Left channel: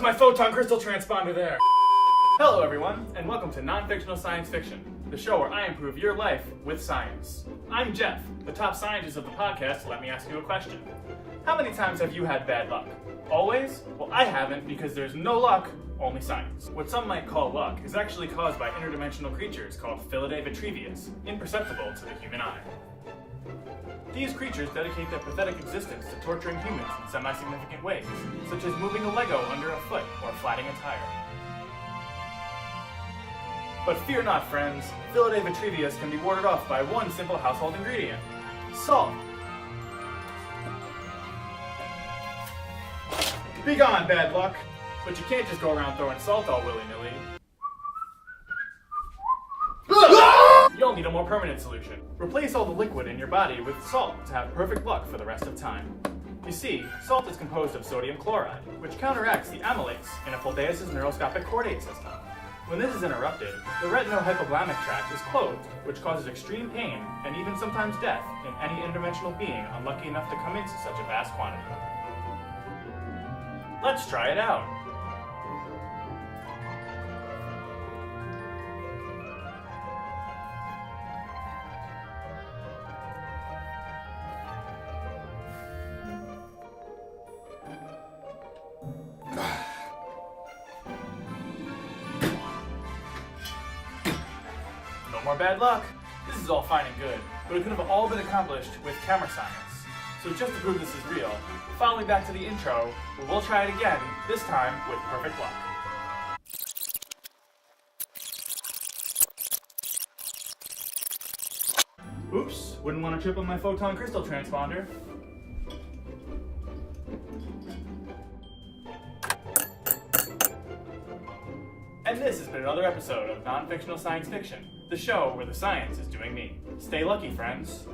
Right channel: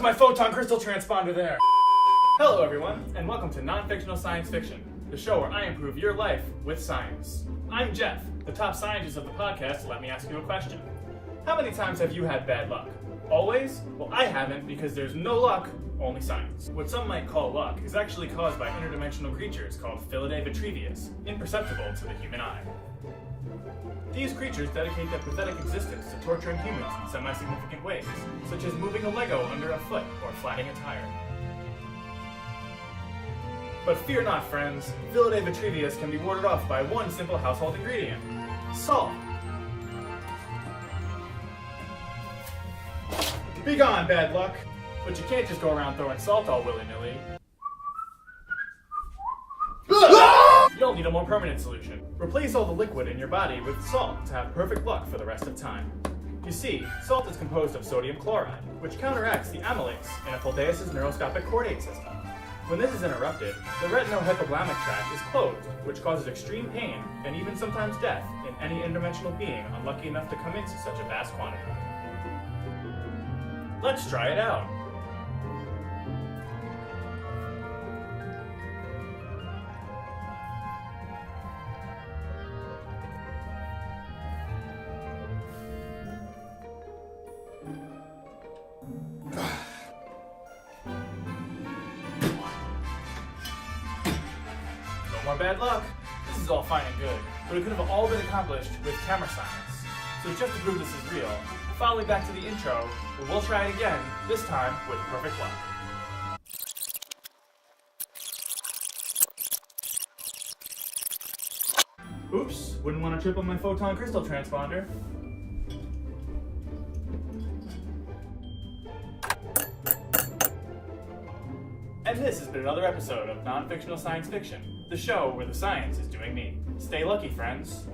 was my photon crystal transponder there? Hello everyone, and welcome to Non-Fictional Science Fiction, the show where I improve your life with science. I'm Jeff, the top scientist of the podcast. Let me ask you a question. How many times have you had bad luck? Always? Well, I haven't, because there's no luck, only science. What some might call luck is actually caused by interdimensional creatures called Filidae vitrevius, imperceptible to the human eye. These creatures dedicate their pathetic existence to torturing humans in semi-significant ways, such as moving a Lego under a foot or flattening a tire. But fear not, friends. Filidae vitrevius can be warded off by one simple household ingredient: salt. Be gone, bad luck. But you can't just go around throwing salt all willy-nilly. You'll need a more permanent solution. Replace all the liquid in your body with salt to have perfect luck for the rest of time. You see, salt is composed of sodium chloride, which counteracts the amylase in a Fuldeus' neuroscopic chordate system. When this is interrupted, the retinohypoglymic tract is closed, which causes extreme pain and even sometimes death in any interdimensional being unlucky enough to come into such a vast quantity. Let's try it out. No more bad luck. This is all fine and good, but it could have all been accomplished with camera science. So just to prove this is real, follow me back to the intro, where we'll try it again, this time with perfect luck. Oops, wouldn't want to trip on my photon crystal transponder. And this has been another episode of Non-Fictional Science Fiction, the show where the science is doing me. Stay lucky, friends.